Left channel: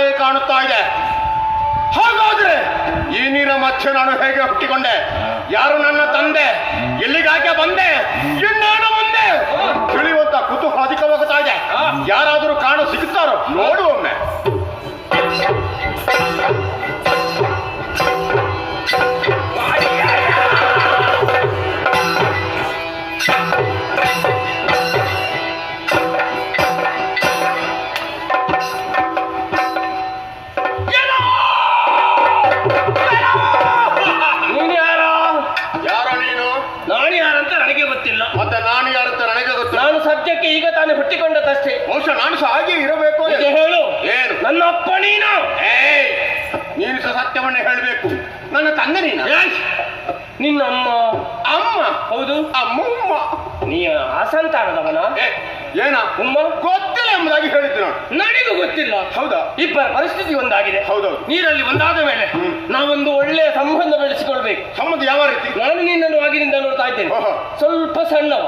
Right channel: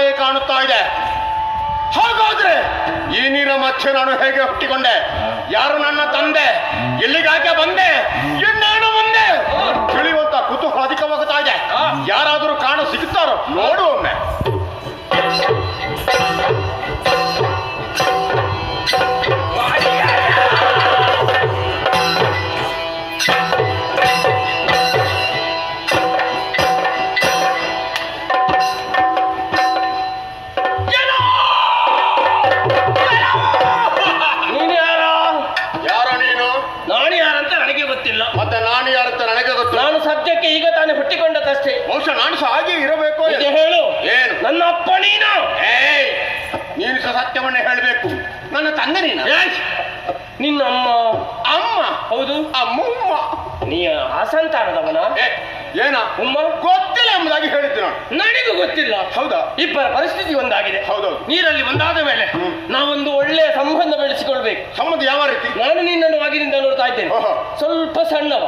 ಅಂತಲೇ ಕಾಣುತ್ತಾ ಇದೆ. ಹಾಗಾದ್ರೆ ಈ ನೀರ ಮಧ್ಯೆ ನಾನು ಹೇಗೆ ಹುಟ್ಟಿಕೊಂಡೆ? ಯಾರು ನನ್ನ ತಂದೆ? ಎಲ್ಲಿಗಾಕೆ ಬಂದೆ? ಎನ್ನಾಡು ಬಂದೆ? ತಿಳಿಯುವಂತ ಕುತೂಹಲ ಅಧಿಕವಾಗುತ್ತಾ ಇದೆ. ಯಾರಾದರೂ ಕಾಣ ಸಿಗುತ್ತಾರೋ ನೋಡು ಒಮ್ಮೆ. ಈಗ ತಾನೇ ಹುಟ್ಟಿಕೊಂಡದಷ್ಟೇ. ಬಹುಶಃ ನಾನು ಸಹ ಹಾಗೆ ಇರಬೇಕು. ಹೇಳು. ಏನು? ನನ್ನ ಅಪ್ಪ ನೀನು? ನೀನು ಸಹ ಸತ್ಯವನ್ನೇ ಹೇಳಬೇಕು. ನನ್ನ ತಂದೆ ನೀನು? ನಿನ್ನ ಅಮ್ಮ? ಅಮ್ಮ? ಹೌದು. ಅಮ್ಮ. ನೀ ಅಸಂತಾನದವನ? ಏನ ಉಮ್ಮ? ಗೊತ್ತಿಲ್ಲ ಎಂಬುದಾಗಿ ಹೇಳಿದ್ದು ನಾನು. ನನಗೂ ಗೊತ್ತಿಲ್ಲ. ಹೌದಾ? ಇಬ್ಬರ ಪರಿಸ್ಥಿತಿ ಒಂದಾಗಿದೆ. ಹೌದೌದು. ನೀರಲ್ಲಿ ಒಂದಾದ ಮೇಲೆ ನಾವೊಂದು ಒಳ್ಳೆಯ ಸಂಬಂಧ ಬೆಳೆಸಿಕೊಳ್ಬೇಕು. ಸಂಬಂಧ ಯಾವ ರೀತಿ? ನಾನು ನಿನ್ನನ್ನು ಆಗಿನಿಂದ ನೋಡ್ತಾ ಇದ್ದೇನೆ. ಸ್ವಲ್ಪ ಸಣ್ಣವ,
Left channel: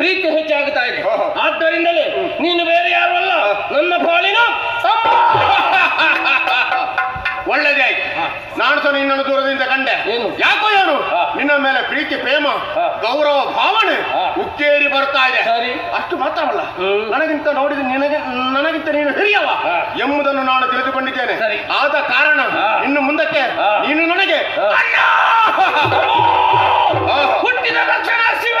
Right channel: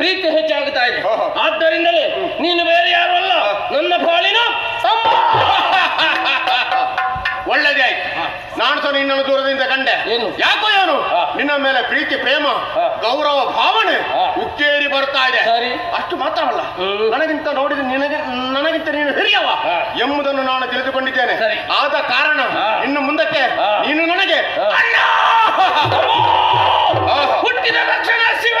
ಪ್ರೀತಿ ಹೆಚ್ಚಾಗುತ್ತಾ ಇದೆ. ಆದ್ದರಿಂದಲೇ ನೀನು ಬೇರೆ ಯಾರು ಅಲ್ಲ, ನನ್ನ ಪಾಲಿನ ಅಮ್ಮ. ಒಳ್ಳೆದೇ ಆಯ್ತು. ನಾನು ಸಹ ನಿನ್ನನ್ನು ದೂರದಿಂದ ಕಂಡೆ. ಏನು? ಯಾಕೋ ಏನು ನಿನ್ನ ಮೇಲೆ ಪ್ರೀತಿ, ಪ್ರೇಮ, ಗೌರವ ಭಾವನೆ ಉಕ್ಕೇರಿ ಬರ್ತಾ ಇದೆ. ಅಷ್ಟು ಮಾತ್ರವಲ್ಲ, ನನಗಿಂತ ನೋಡಿದ ನನಗಿಂತ ನೀನು ಹಿರಿಯವ ಎಂಬುದನ್ನು ನಾನು ತಿಳಿದುಕೊಂಡಿದ್ದೇನೆ. ಆದ ಕಾರಣ ಇನ್ನು ಮುಂದಕ್ಕೆ ನೀನು ನನಗೆ ಹುಟ್ಟಿದ ರಕ್ಷಣಾ ಶಿವ.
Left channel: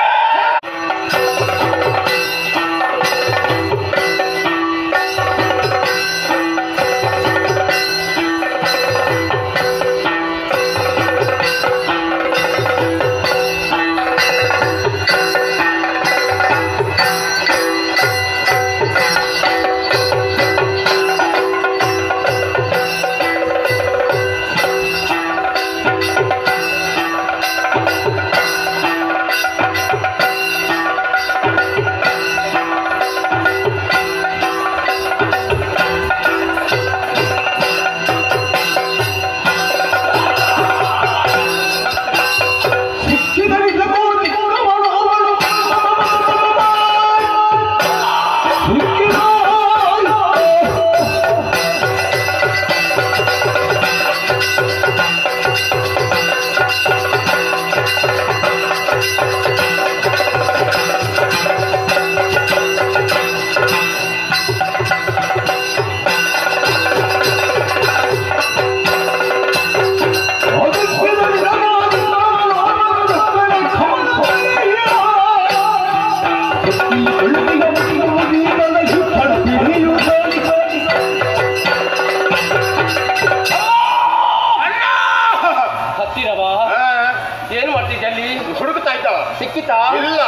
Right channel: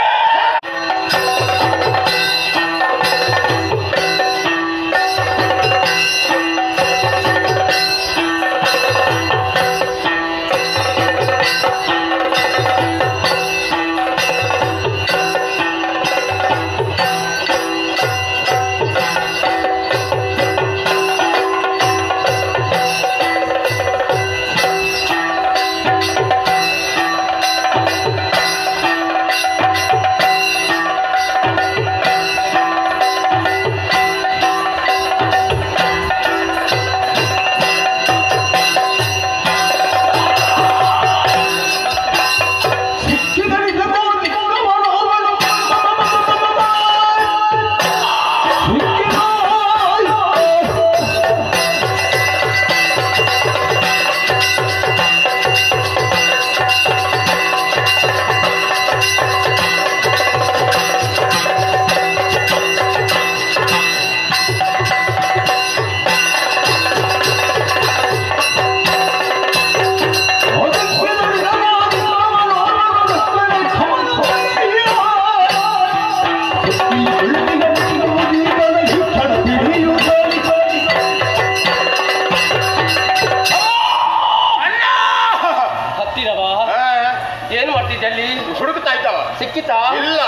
ಸಿಕ್ಕಿತಾ? ಇಲ್ಲ.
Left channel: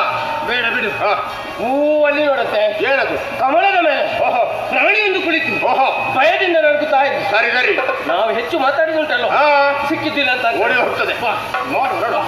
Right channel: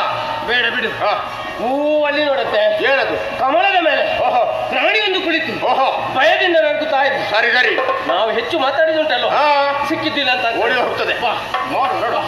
ಬೇಡ ಬಿಡು. ಅಲ್ಲಿ ನೋಡುತ್ತೆ. ಏನದು? ಕಮಲದ ಮೇಲೆ ಪ್ರಾಣಿಯೊಂದು ಕುಳಿತು ಭಯದಿಂದ ನಡುಗುತ್ತಾ ಇದೆ. ಸರಿ ಸರಿ, ನಾವು ಹೆಚ್ಚು ಮಾತಾಡಿದುಂಟಲ್ಲ, ಸಿಕ್ಕಿದ್ದಿಲ್ಲ ಅಂತ ಓಡಿ ಹೋಗ್ತದೆ. ನೋಡು ನೋಡು.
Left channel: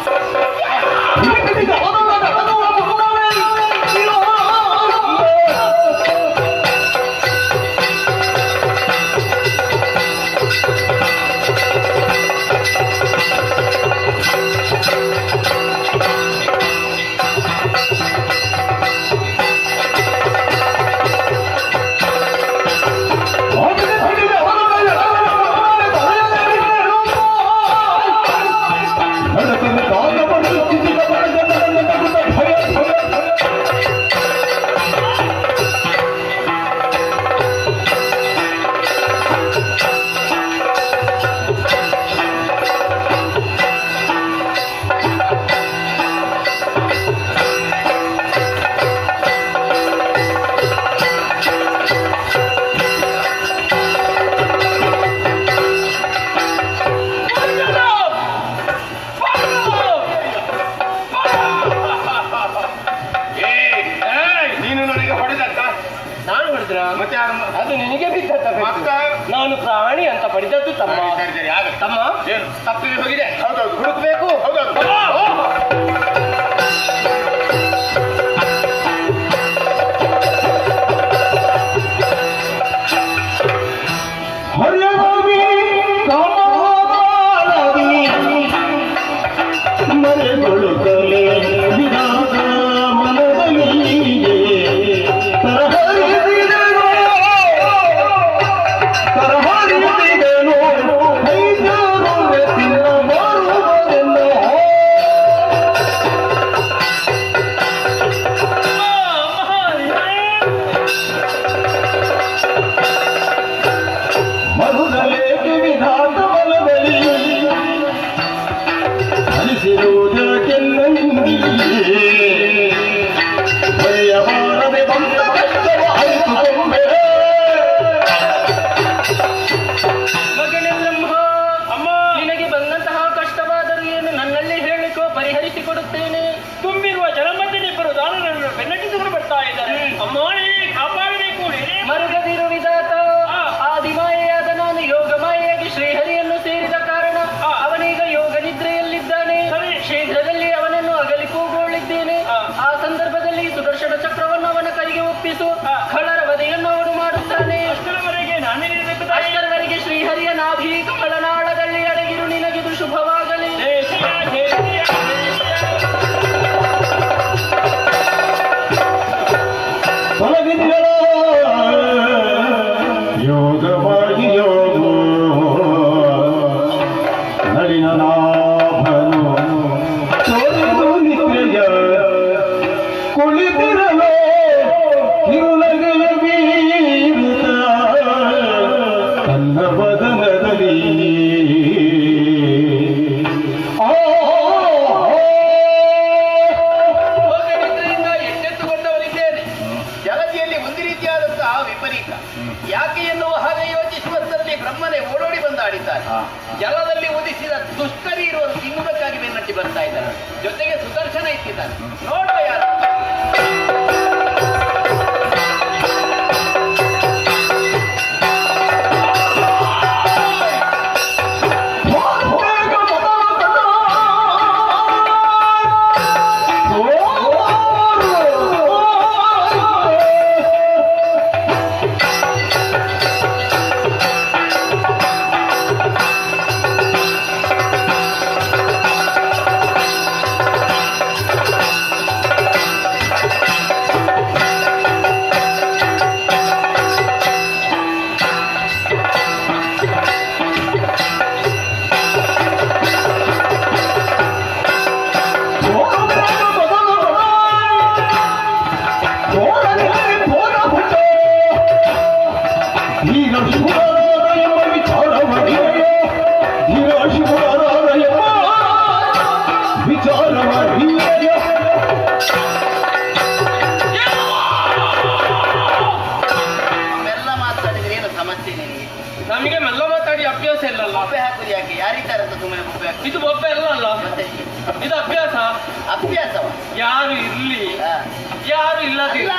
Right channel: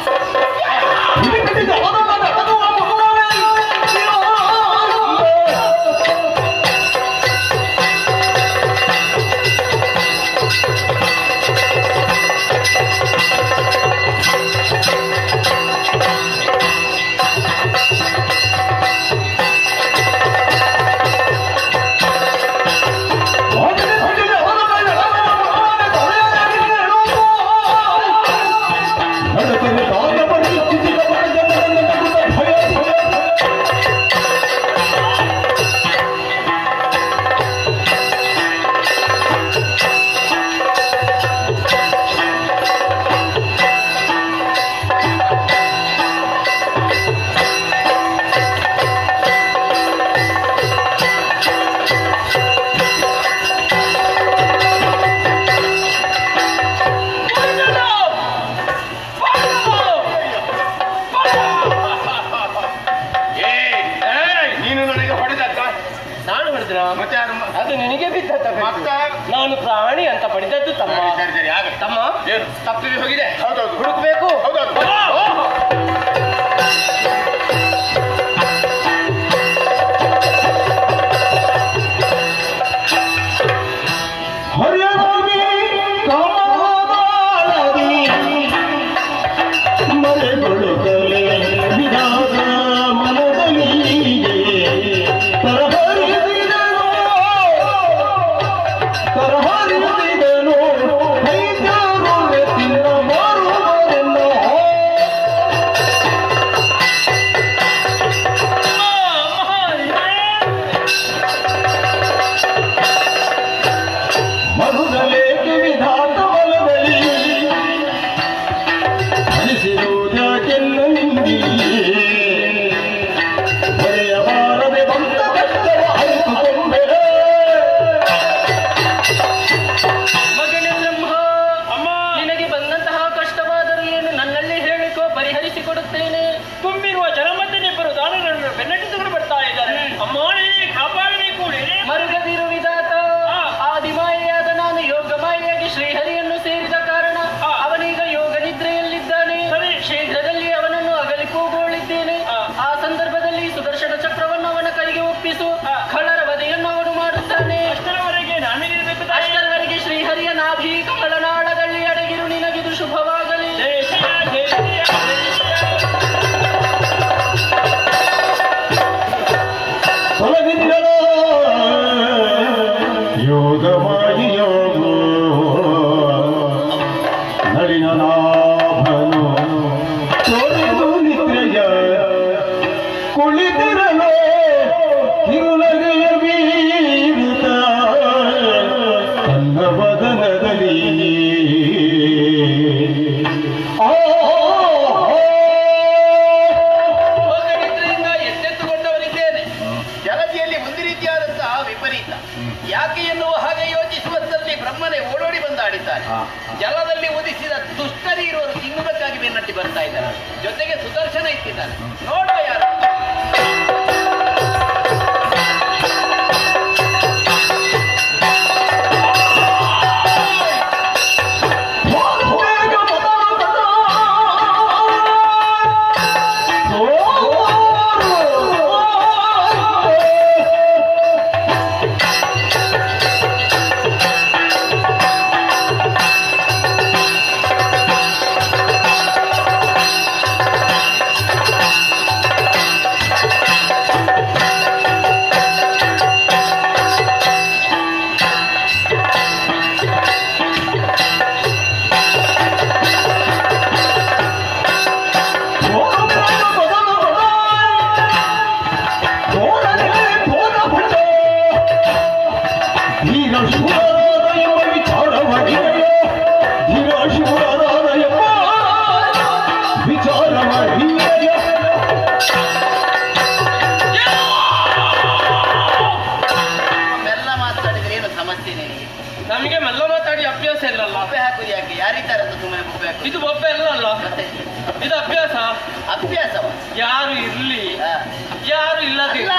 ಅದು ನಿನಗೆ ಬಿದ್ದ. ನಾನು ಪ್ರಾಣಿ ಅಂತ ಪಡೆದದ್ದು ತಮ್ಮ. ತಮ್ಮ ತಪ್ಪಿಗೆ ಹೋಗಿದೆ, ಹುಡುಕಬೇಕು. Hare ನಾಭನು ತೊರೆದು ನಿದ್ರೆಯ ಕುಳಿತಿರಲೋ ಕಿರುನಗೆಯ ಬೀರುತ್ತ ತನ್ನ ಬದನದಲ್ಲಿ ಭೋಜನಿದ್ರೆಯಿಂದ ಎಚ್ಚೆತ್ತುಕೊಂಡವನಿದ್ದೇನೆ. ಜಲದಿಯಲ್ಲಿ ಒಂದು ರೀತಿಯಾದಂತಹ ವಿಪರೀತ ಯಾಕೆ ಎನ್ನುವ ಹಾಗೆ ಯೋಚಿಸುವಂತಲ್ಲಿ ಬ್ರಹ್ಮನೇ ಓಡೋಡಿ ಬಂದಾಡಿದ್ದಾನೆ. ಜಲದಲ್ಲಿ ಉದಿಸಿದ ದುಷ್ಟರಿ ಇರುವರು ತಿನ್ನುವುದಕ್ಕಾಗಿ ಬೆನ್ನಟ್ಟಿ ಬರ್ತಾ ಇದ್ದಾನೆ. ಜೊತೆಗೆ ಸುದರ್ಶನ ಇಟ್ಟಿದ್ದಾನೆ. ನೋಡುವ ಯಾರು ಮೆಲ್ಲ ಮಾತಾಡಿದ್ರೆ ಏನು ಸಮಸ್ಯೆ ನಿನಗೆ? ನಮಗೆ ಮೆಲ್ಲ ಮಾತಾಡಿ ಅಭ್ಯಾಸ ಇಲ್ಲಲ್ಲ. ಬೊಬ್ಬೆ ಹಾಕುದು ಯಾಕೆ? ಯಾರಿದ್ದಾರಂತ ಸುಮ್ಮನೆ ಬೊಬ್ಬೆ ಹಾಕಿ ಇದು ಒಬ್ಬ ಇಲ್ಲ ಅಲ್ಲ, ಮತ್ತೆ ಇದು ಅಭ್ಯಾಸ. ಅಭ್ಯಾಸವ? ಯಾರು ಇರ್ಲಿ ಹಾ. ಯಾರು ಇಲ್ಲದೆ ಇಲ್ಲ,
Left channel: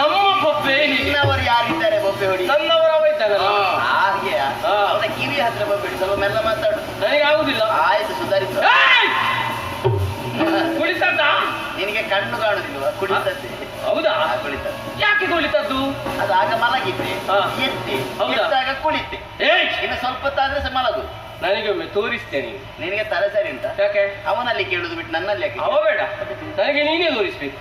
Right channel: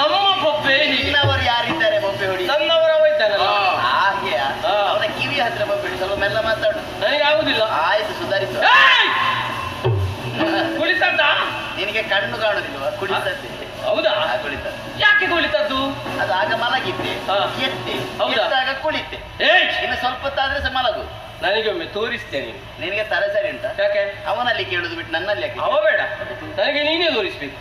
ನಮ್ಮ ಬೊಬ್ಬೆ ಹೀಗೆ. ಇನ್ನವರು ಯಾರಿದ್ದಾರೆ ಬೊಬ್ಬೆ ಹೊಡಿ? ನನ್ನವರ ಇದ್ದಾನಲ್ಲ, ಹಾಗೆ ಅವನ ಕಿವಿ ಹತ್ರ ಬೊಬ್ಬೆ ಹೊಡಿ. ಸ್ವಲ್ಪ ಮೆಲ್ಲ ಮಾತಾಡು. ನನಗೆ ಆಗುದಿಲ್ಲ. ಆಯ್ತು, ಸುಧಾರಿಸು. ಏಯ್! ಕುಳಿತದ್ದ? ನಿನಗೆ ಕಣ್ಣು ಕಾಣುದಿಲ್ವ? ಕುಡಿತದ್ದೆ. ಹೌದಾ? ಕುಳಿತದ್ದು. ಯಾಕೆ ಕುಳಿತದ್ದು? ಅದು ಆಗ ಮಲಗಿದ್ದೆ, ಹಾ. ಎತ್ತಿ, ಹೌದಾ? ಎತ್ತಾಗ ಕುಳಿತೆ. ಏಯ್! ಇನ್ನು ಸ್ವಲ್ಪ ಹೊತ್ತಾದ್ರೆ ಸಹ ಮಲಗು. ನನಗೊಮ್ಮೆ ತೋರಿಸ್ತೇನೆ. ನಿನಗೆ ತಲೆ ಸರಿ ಉಂಟಾ? ಯಾಕೆ? ಅವನಲ್ಲಿ ಕೇಳುದು ಬಿಟ್ಟು ನನ್ನಲ್ಲಿ ಯಾಕೆ? ಅವ ಬೇಡ, ನನಗೆ ನೀನೇ ತೋರಿಸ್ಬೇಕು.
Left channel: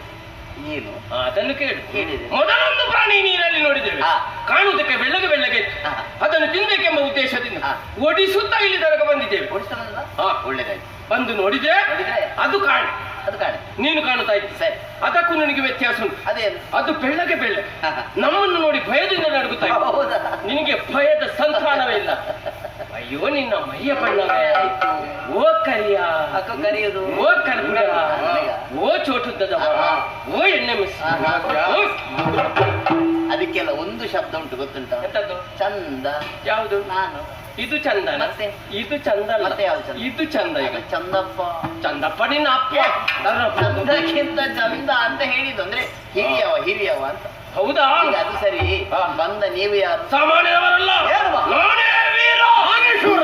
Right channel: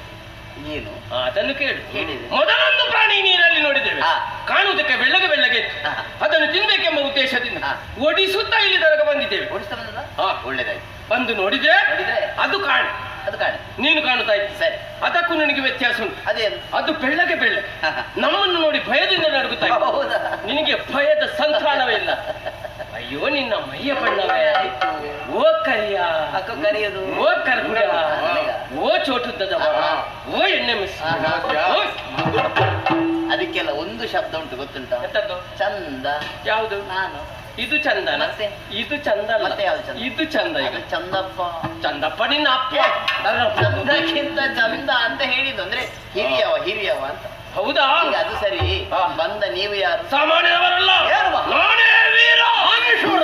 ಏನು ಅದನ್ನು ಕೇಳು. ಕೇಳಿದೆ. ಮೊದಲೊಂದು ಪ್ರಾಣಿ ನೀರಲ್ಲಿ ನೋಡಿದ್ದೇವೆ, ಹಾ. ಕಾಣುವುದಕ್ಕೆ ಬೆಳ್ಳಗೆ ಬೆಳ್ಳಗೆ ಇತ್ತು. ಹಾ. ಅದನ್ನು ತಿನ್ಬೇಕೆಂಬ ಉದ್ದೇಶದಿಂದ ಹಾ. ಓಡಿಸುತ್ತಾ ಇಲ್ಲಿ ತನಕ ಬಂದಿದ್ದೇವೆ. ಓಡಿಸ್ತಾ ಬಂದದ? ಹಾ. ಒಳ್ಳೇದಾಯ್ತು. ಬಂದು ನೋಡಿದ್ರೆ ನೋಡಿದ್ರೆ ಅದು ಕಾಣೆ, ಅದು ಕಾಣೆ. ನೀನು ಕಾಣುತ್ತಾ ಇತ್ತು. ಸರಿ. ಅದಕ್ಕೂ ನಿನಗೆ ವ್ಯತ್ಯಾಸ ಉಂಟು. ಅದೇನು? ಅದು ಬೆಳ್ಳಗೆ ಬೆಳ್ಳಗೆ ಹಾ, ಹಾ. ನಮ್ಮನ್ನು ನೋಡಿ ಭಯದಿಂದ ನಡುಗುತ್ತಾ ಇತ್ತು. ಹೌದಾ? ನಿನಗೆ ಭಯದ ಸಂತಾನವೇ ಇಲ್ಲ. ಅಯ್ಯೋ ನಿನ್ನ ಮೈಯ ಬಣ್ಣವೇ, ಓ ಕರಿಯ, ಅಕ್ಕ ಕರೆಯುದು. ಓ ಕರ್ಪುರ, ಓ ಚೋಟುದ್ದದವ, ಓ ಎಣ್ಣೆ ಮಿಸ್. ಅದಕ್ಕೆಲ್ಲ ಒಂದು ಶಬ್ದ ಉಂಟು, ಗೊತ್ತುಂಟಾ? ಎಂತದ್ದು? ಚಂದ. ಯಾವುದು? ನಾನು ಇದು ಚಂದ. ಮತ್ತೆ? ಇದು ಚಂದ ಅಲ್ಲ. ಮತ್ತೆ ಯಾವ್ದು ಚಂದ? ಇದು ಚಂದ. ಈಗ ಅದು ಚಂದಪ್ಪ. ಚಂದಪ್ಪ ನಿನ್ನ ಅಪ್ಪ. ಚಂದಕ್ಕಿಂತ ಚಂದ ಅಂತ ಹೇಳಿದ್ದು ಅಂದ್ರೆ ಹಿರಿಯವ ಅಂತ. ಹೌದಾ? ಈಗ ಅದು ಸರಿ. ಹಾ. ಬಂದ ನೀವು ಯಾರು? ಸಾಮಾನ್ಯದವರಲ್ಲ, ಏನು? ನಾನೇ ವೀರ ಆನೇಶ್ವರ.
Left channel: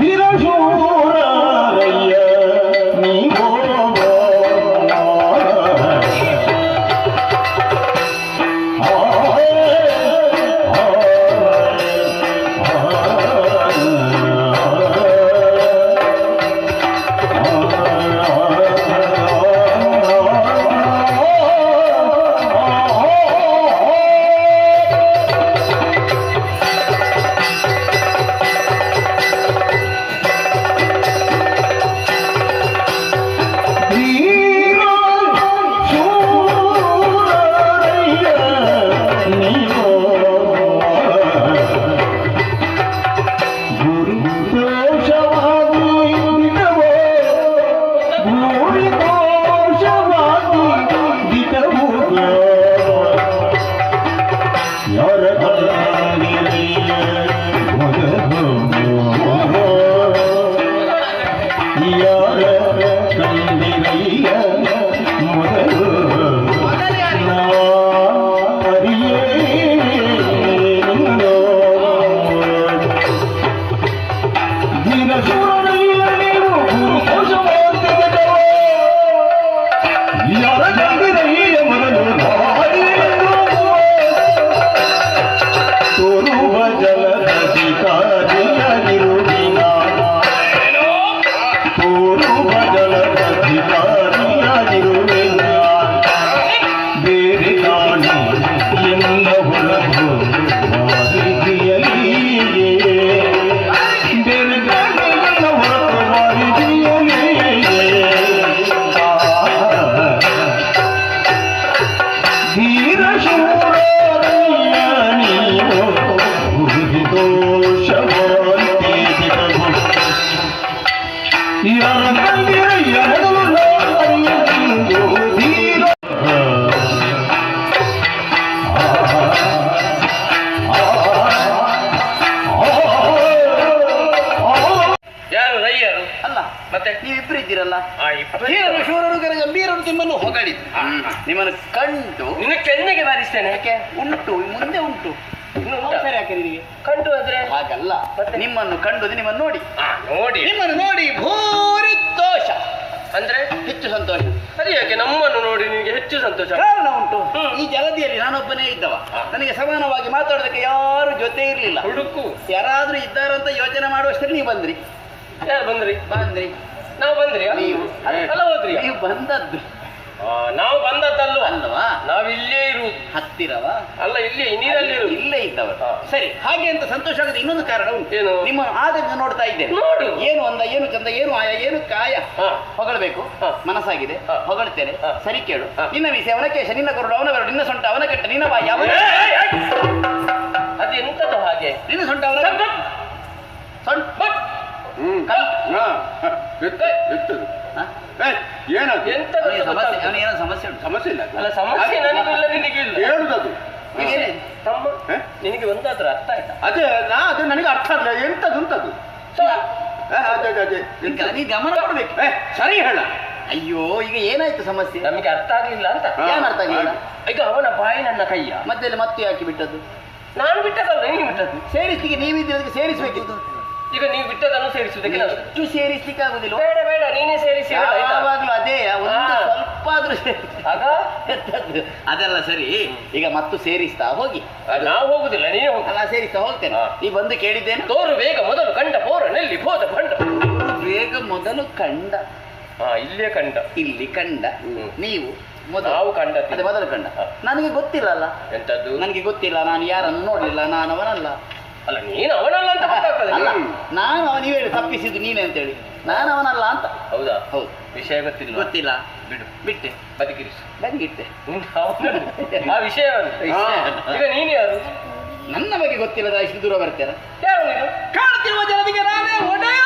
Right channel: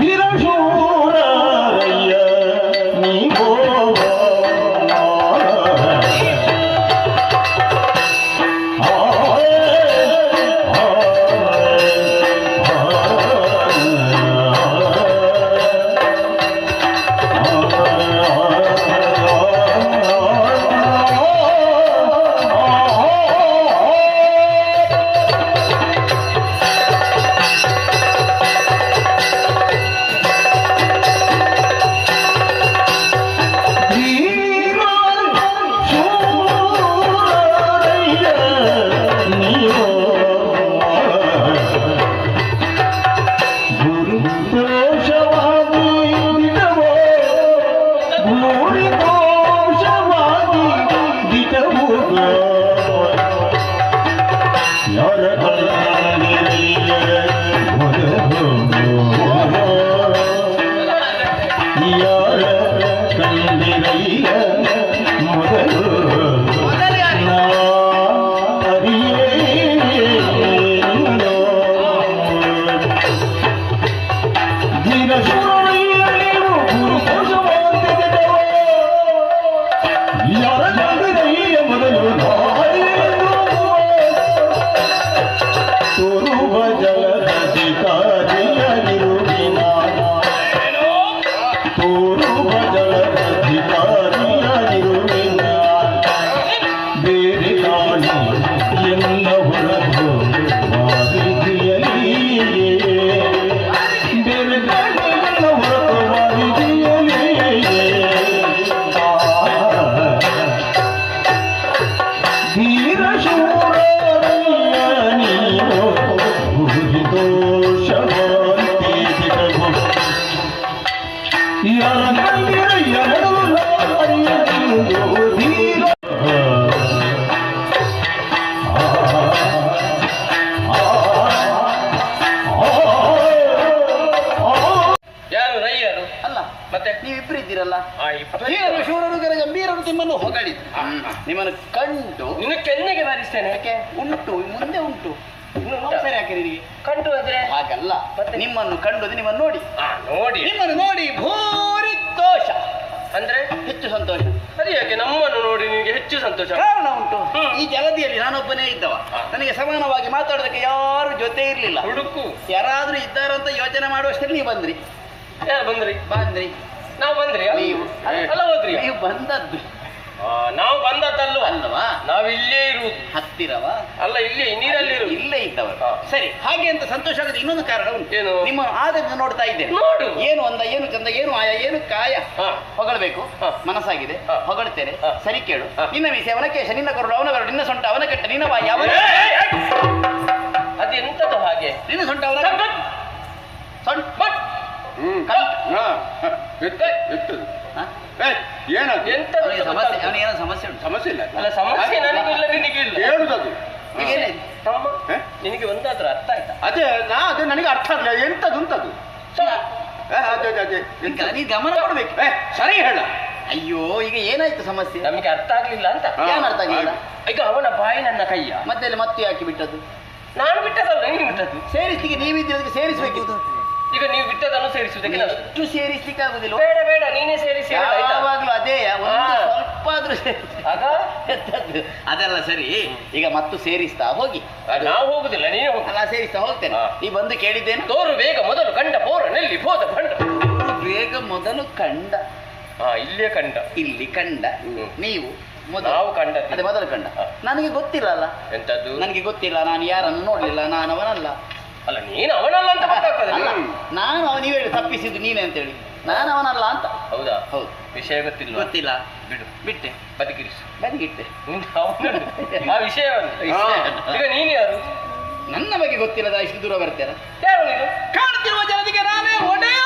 ವೀರಶೂರಯ್ಯ ನೀವೋ ಮತ್ತೆ ನೀವಿಬ್ರು ಇದ್ದೀರಲ್ಲ, ಆ ಇಬ್ಬರು ಹೀರರು ಶೂರರು ಗಂಭೀರರು ನಿಮ್ಮನ್ನು ಹೊಗಳಿದ್ರು. ನಿಮ್ಮನ್ನು ಕಂಡು ನಿನ್ನ ಕೆನ್ನೆಗೆ ಬಾರಿಸ್ತೇನೆ. ಯಾಕೆ ಉಂಟು, ಮುಂದೆ ಉಂಟು, ಇನ್ನು ಉಂಟಾ? ಅವಸರ ಯಾಕೆ ನಿನಗೆ? ಕಂಡು ಆದ್ರೆ ಹಾಗಲ್ಲ, ಮತ್ತೆ? ನಿಮ್ಮನ್ನು ಕಂಡು ನಿಮ್ಮನ್ನು ನೋಡಿ, ನೋಡಿ ನಿಮ್ಮನ್ನು ನೋಡಿ ಭೂರಿ ದೋಷ ಅಂದ್ರೆ ಹೆಚ್ಚು ಸಂತೋಷ. ಅದು ಯಾಕೆ ನಮ್ಮನ್ನು ನೋಡಿ ನಿನಗೆ ಹೆಚ್ಚು ಸಂತೋಷ? ಕಾರಣ ಉಂಟು. ಈ ಜಲದಿಯಲ್ಲಿ ನಾನೊಬ್ಬನೇ ಇದ್ದವ, ನನಗೆ ಸಮಾನವಾಗಿ ಮಾತಾಡೋದಕ್ಕೆ ಯಾರು ಜೊತೆ ಇರ್ಲಿಲ್ಲ. ಹುಡುಕು ಯಾರಾದ್ರೂ ಇದ್ದಾರಂತ ಯೋಚನೆ ಮಾಡುವಷ್ಟರಲ್ಲಿ ನೀವು ಬಂದ್ರಿ. ಯಾರು ಬಂದ್ರಿ? ನಾವು ಬಂದ್ರಿ ನೀವು ಅಲ್ಲ ಹೋದ್ರಿ? ನೀವು ಬಂದದ್ದು ನಾವು ಬಂದದ್ದಲ್ವ ಅಲ್ವಾ? ನಾವಿಲ್ಲೇ ಇರುವುದು. ಹತ್ತಿರವ ಅಲ್ಲ, ಇಲ್ಲೇ ನೀರಲ್ಲಿ ಇರುವುದು. ಇಲ್ಲೇ ಇದ್ದವರು. ಹಾ. ಸರಿ, ಹಾಗೆ ಅಂತ ಸಂತೋಷ ಆಗುತ್ತೆ. ಇನ್ನೊಂದು ಕಾರಣ ಉಂಟು. ಏನು? ನಿಮ್ಮ ಆದನ್ನು ನೋಡ್ತಾ ಇದ್ದೇನೆ. ನೋಡು. ಏನು ಅಂದ, ಏನು ಚಂದ, ಏನು ಆಯ, ಏನು ಕಾಯ. ಹಾ. ಹೊಗಳಬೇಕು, ಹಾ. ಮನಸ್ಸಾಗಿದೆ, ಹಾ. ಹೊಗಳ್ತೇನೆ. ಹಾ. ಸರಿ ಕೇಳು. ಹಾ. ನಿನ್ನ ಮೀಸೆ ಅವನ ಕೇಶ, ನಿನ್ನ ಕರುಳು ಅವನ ಬೆರಳು, ನಿನ್ನ ಸೊಂಟ ಅವನ ಕಟ್ಟ, ನಿನ್ನ ಬಾಯಿ ಅವನ, ಅದೆಂತದ್ದು ಹಾಗೆ? ನಿನ್ನ ಸೊಂಟ ಅವನ ಸೊಂಟ ಹಾ? ಏನದು ಎಂತದ್ದು ಅವನಿಗೆ ಸಮಸ್ಯೆ, ಗೊತ್ತಾಗ್ತದೆ? ಅವನಿಗೆ ಏನೋ ಸಮಸ್ಯೆ ಉಂಟು. ಸಮಸ್ಯೆ ಇಲ್ಲ ಅಲ್ಲ, ಸಮಸ್ಯೆ ನನಗಿಲ್ಲ, ನಿನಗಿಲ್ಲ. ಹೇಳುದದು ಈಗ ಏನಿದೆ? ತಮ್ಮ ಹ? ನಿನಗೆ ಒಂದಾದ್ರೂ ಅರ್ಥ ಆಯ್ತಾ? ಅದೇ ನನಗೆ ಅರ್ಥ ಆಗಲಿಲ್ಲ. ಎಂತದು ಉಂಟದು? ಅದೇ ಈಗ ನೀ ಗಮನ ಕೊಡ್ಬೇಕು. ಸರಿ ಹೇಳ. ಅಯ್ಯೋ, ಈಗ ಏನಾಯ್ತು ಸಮಸ್ಯೆ? ನಮಗೆ ಅರ್ಥ ಆಗ್ಲಿಲ್ಲ ಅಂತ. ಏನ್ ಅರ್ಥ ಆಗಿಲ್ಲ? ಈಗ ಅವನ ಬಾಯಿ ನನ್ನ ಕೈಯ, ಮತ್ತೆ ಮತ್ತೆ ಹಾಕಿ ಬಿಟ್ಟದ್ದು. ನಾನು ಬಿಟ್ಟದಲ್ಲ, ನೀನು ಬಿಟ್ಟದ್ದು. ಸೇರಿಸ್ಲಿಕ್ಕೆ ನೀವಿದ್ದಕ್ಕೆ ಸೇರಿಸ್ಬೇಕಿತ್ತು. ಈಗ ನೀವು ಬಿಟ್ಟದನ್ನು ಸೇರಿಸುವುದಕ್ಕೆ ನಾನು- ಎಷ್ಟು ಸೇರಿಸ್ಲಿಕ್ಕೆ ಆಗುದಿಲ್ಲ. ಬೇಡ ಬೇಡ, ನೀನೇ ಸೇರಿಸಿ ಬಿಡು, ಆಯ್ತಾ? ಯಾವಾಗ್ಲೂ ಅದೇ ಒಂದು ಹಾ. ಸ್ವಲ್ಪ ಆದ್ರೂ ಆಗ ಎಂತದ್ದು? ಅದೆಲ್ಲ ಸರಿ. ಈಗ ಮತ್ತು ಸೇರಿಸ್ತಾ ಹೋಗಿ. ನಾವು ಹೋಗುದಿಲ್ಲ, ನೀನೇ ಹೋಗು. ಅಲ್ಲ, ಸೇರಿಸ್ತಾ ಹೋಗ್ತೇನೆ. ಹಾ. ನೀ ಬಂದು ಕೇಳಿದ್ದೇನು? ತೋರು ಬೇಗ ಮೊದಲು ಕಂಡ ಪೋರ ನೆಲ್ಲಿ ಹೋದ ಕಂಡ. ಬೇಗ ಮೊದಲು ಕಂಡ, ಇಲ್ಲೇ ಕಂಡ. ಇಲ್ಲಿ ಕಂಡ, ನೀವು ಮೊದಲು. ನಾವು ಕಂಡದ್ದು. ಅದೇ ಮೊದಲು ಕಂಡ. ಹಾ. ನನಗೆ ಗೊತ್ತಿಲ್ಲ ಅಲ್ಲ, ಎಂತದ್ದು? ನನಗೆ ಗೊತ್ತಿಲ್ಲ, ನಾನು ಯಾರನ್ನು ನೋಡ್ಲಿಲ್ಲ, ನಾನು ಅವನಲ್ಲ. ಅಲ್ಲ, ನೀನು ಅವನಲ್ಲ ಅಂತ ಗೊತ್ತಾಗ್ತದೆ. ಅಲ್ಲ, ನಾನು ನೀವೇ ಹೇಳಿ ತಪ್ಪಿಸಿದ್ದು ನೀನೇ ಅಂತೇಳಿ, ನಾನು ಅವನಲ್ಲ ಅಂತ. ಹೌದಾ? ಹೌದು. ವಿಷಯ ಗೊತ್ತಿಲ್ಲ. ಗೊತ್ತಿಲ್ಲ, ಬಿಡು, ಬಿಟ್ಟೆ, ಬದುಕಿರಿಸು. ಬದಿಗಿಟ್ಟೆ. ಆ ವಿಷಯವನ್ನು ಈಗ ನೀನು ಯಾರು? ನನ್ನ ಬಗ್ಗೆ ಗೊತ್ತಿಲ್ಲದ ಇಷ್ಟು ದೂರ ಬರ್ತೀರ? ಯಾರು ನೀನು? ಕಾಣ್ತಿರುವ ಜನರಿಗೆ ನಾನೇ ಒಡೆಯ.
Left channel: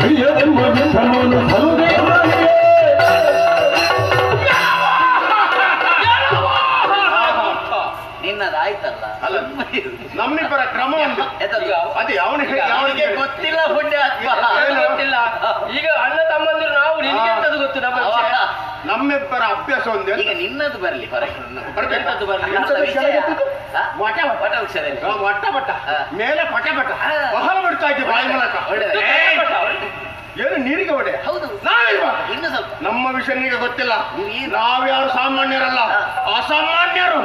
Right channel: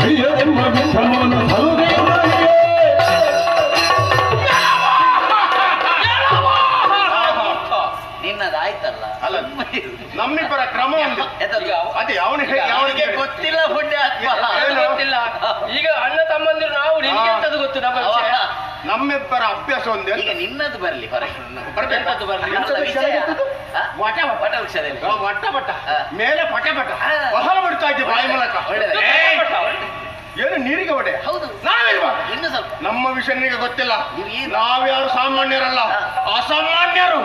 ಪ್ರಿಯದೆಂಬ ವಿಠಲನು ಸಲುದೇವನಿಗೆ ನಿನ್ನದಾಯ್ತಲ್ಲ. ಅಲ್ಲ, ನಮ್ಮಿಬ್ಬರ ಕ್ರಮ ಒಂದು. ಎಂತದ್ದು? ಅದೇ ಅವನಿಗೆ ಅವನಿಗೆ ಗೊತ್ತಿಲ್ಲ ಪುಣ್ಯ ಆತ್ಮ. ಅದು ಗೊತ್ತಿಲ್ಲ. ಈಗ ಅಣ್ಣ ತಮ್ಮಂದಿರು ನಾವು, ನಿನಗೆ ಎಂತದ್ದು ಗೊತ್ತು ನಮ್ಮ ವಿಷಯ? ನಮ್ಮಿಬ್ಬರ ಅಭ್ಯಾಸ ಒಂದೇ. ಈಗ ನಿನ್ನದು ಬರ್ಲಿ ಹೊರಗೆ. ಬರ್ಲಿ. ಎಂತದ್ದು ಬರ್ಲಿ? ಎಂತದ್ದು ವಿಷಯ? ಕೆಳಗೆ ಹಾ? ವಟ ವಟ. ವಟ ವೃಕ್ಷದಲ್ಲಿ. ವಟ ವಟ ಹಾ. ಮೇಲೆ ಪಟ ಪಟ ಹಾ. ಬಹಳ ಬಿಡ್ತಾ ಇದ್ದೆ ಬಾಯಿ ಮೂಲಕ. ಒಳ್ಳೆದು. ಏನು ನೀರಿಗೆ ಒಡೆ? ಹೌದು. ನಾವಿಲ್ವಾ? ಇನ್ನು ಸ್ವಲ್ಪ. ನಮ್ಮ ವಿಷಯ ನಿನಗೆ ಗೊತ್ತಿಲ್ಲ. ನೀವು ಏನು? ನಾವ್ಯಾರು ಸಾಮಾನ್ಯರಲ್ಲ, ಅಸಾಮಾನ್ಯರು,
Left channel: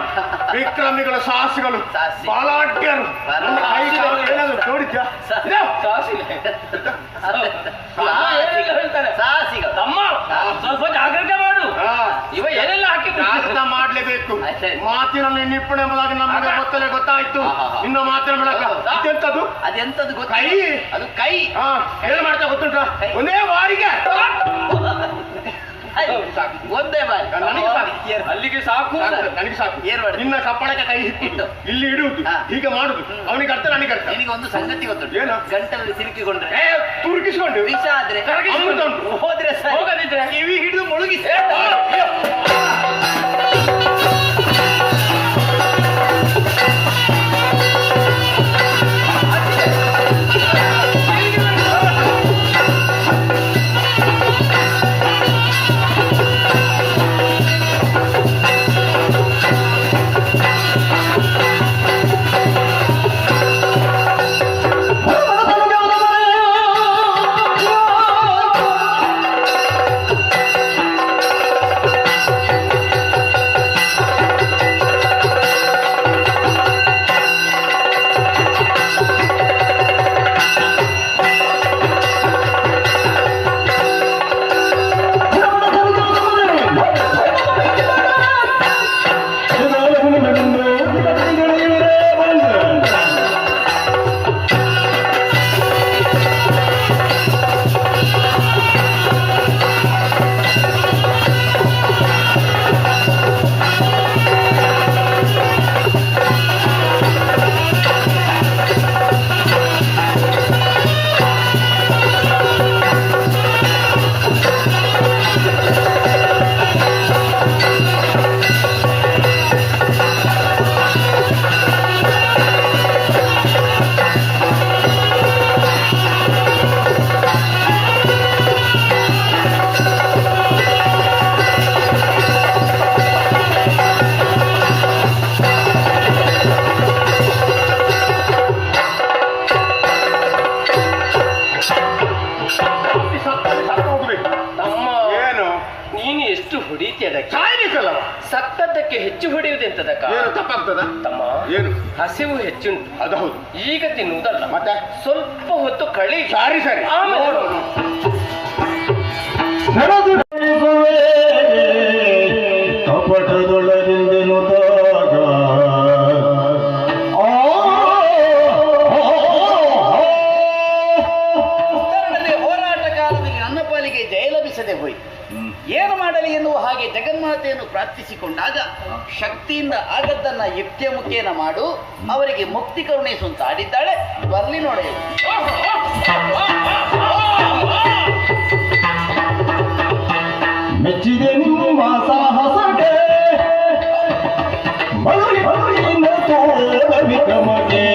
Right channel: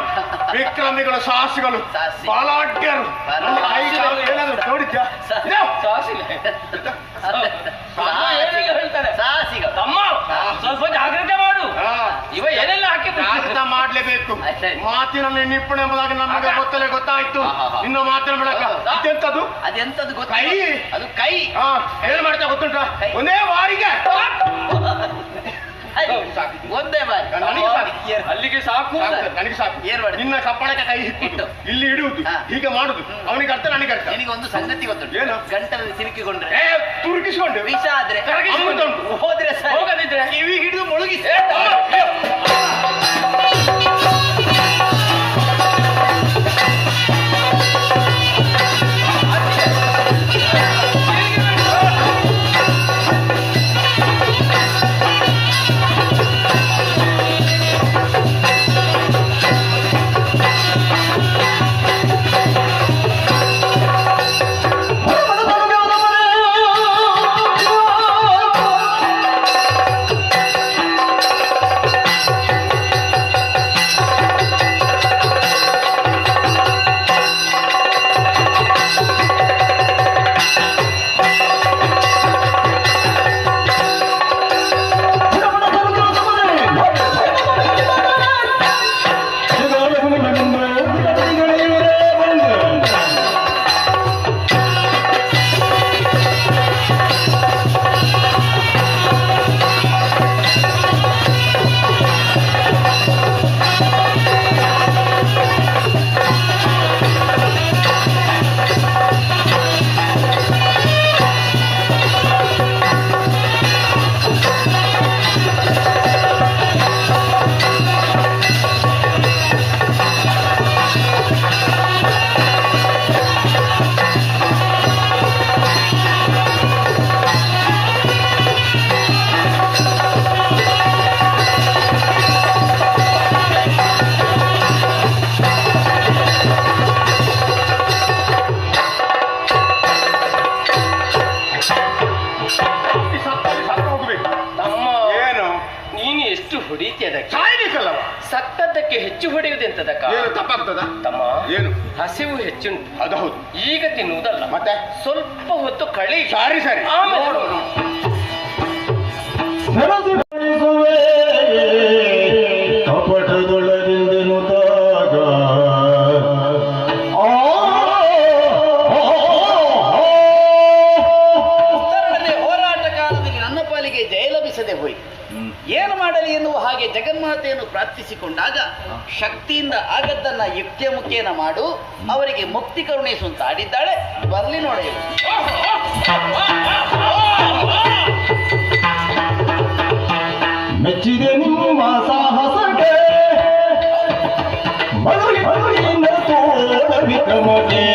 ವಿಕ್ರಮಿಗಳು, ಸಾಹಸಿಗಳು, ಸಾಹಸಿ. ಬಲಾಢ್ಯರು. ನನ್ನ ಕೈಗೆ ಏನಾದ್ರು ನೋಡಿದ್ಯಾ? ಇದು? ಏನೆಲ್ಲ ಹೇಳ್ತಾರೆ? ಸಾಹಸಿಗಳು. ತಮ್ಮ, ಸ್ವಲ್ಪ ಜಾಗ್ರತೆ ಮಾಡು. ಹಾ. ಇವ ಏನೆಲ್ಲ ಹಾಕಿದ್ರು? ಅರ್ಥ ಮಾಡ್ಲೇಬೇಕು. ಆಯ್ತು. ಮಾತಿನಲ್ಲಿ ನಿಪುಣ ಎಂಬುದಾಗಿ ನಮಗೆ ಗೊತ್ತಾಯ್ತು. ಹಾ, ಹಾ, ಹಾ. ಇನ್ನು ಮಾತಿನ ಮೂಲಕ ಹೌದಾ? ಇದೆಂತದ್ದು? ಅದೆಂತದ್ದು ಗೊತ್ತ? ಕೈ. ಅದು ಕೈ. ಹಾ, ಏನ್ ಮಾಡ್ತಾ ಗೊತ್ತುಂಟ? ಒಂದೇ ಬಾರಿಗೆ ಒಂದೇ ಬಾರಿ. ನನಗೆ ಸಾಕು. ಅಲ್ಲಿಗೆ ಸಾಕು. ನನಗೆ ಸಾಕು. ಏನ್ ಮಾಡಿ? ನಿನ್ನ ಕಪ್ಪಳಕ್ಕೆ ಕೈ ಇಟ್ಟು ಇಲ್ಲಿ ಇಡುವುದು, ಹಾ. ಹೀಗೆ ಮಾಡುದು. ಅವನಿಗೆ ಅರ್ಥ, ನನಗೆ ಅರ್ಥ. ನಿನಗೆ ಒಂದು ಸಂಗತಿ ಗೊತ್ತುಂಟು. ಏನು? ಗಂಟಲಲ್ಲಿ ಸಿಲುಕಿಕೊಂಡ್ರೆ, ತುರುಕಿಸ್ಕೊಂಡು ವಿಷ ಆದ್ರೆ ಅಮೃತ ಉಂಟು. ಹೋದ್ರೆ ಸರಿ. ಹೋಗದಿದ್ರೆ ಕಿವಿ ಹಿಡಿದು ಮುಳುಗಿಸಿ. ಹೊಡೀತಿಯದಕ್ಕೆ ಸಾಯ್ಲಿಕ್ಕಲ್ಲವ. ಸತ್ತದ್ದಕ್ಕೆ ಹೆಚ್ಚು ಹೊಡೆಯುವುದೆಂತದಕ್ಕ ಏನು ತಪ್ಪಾಗ್ತದ? ತಮ್ಮ ಏನು? ಹಸಿವು ಹೆಚ್ಚುಂಟು, ಅದು ಹೌದು. ಈಗ ತಿನ್ನುವುದಲ್ಲ, ಮತ್ತೆ ಸ್ವಲ್ಪ ಹೊತ್ತು ಕಳಿ. ಸರಿ ಸರಿ. ಆಮೇಲೆ ನೋಡು. ಕಪಟದೊಳಗಿಂದೆನುದಾಗ ಉತ್ತರದಲ್ಲಿ ಹೋರಾಟ ಕಾಲದಲ್ಲಿ ನನ್ನ ಪಾಲಿಗೆ ಜಯ ಲಭಿಸದೆ ಹೋಯಿತು. ಏನು ಮಾಡಲಿ ಎನ್ನುವ ಹಾಗೆ ಜಗನ್ಮಾತೆಯನ್ನು ಪ್ರಾರ್ಥಿಸಿಕೊಂಡಾಗ ಶಕ್ತಿಯಿಂದ ಆಗದ್ದನ್ನ ಯುಕ್ತಿಯ ಮುಖೇನ ಮಾಡು, ಅವರಿಗೆ ಮುಕ್ತಿ ಕರುಣಿಸು ಅಂತ ಆಡಿದ್ದಾಳೆ. ಬರ್ಲಿ ನೋಡ ಮೆಚ್ಚಿದೆ ನಿಮ್ಮ ಸಾಹಸಕ್ಕೆ ಬಳುವಿನ ತೋಳ ವಿಕ್ರಮಗೆ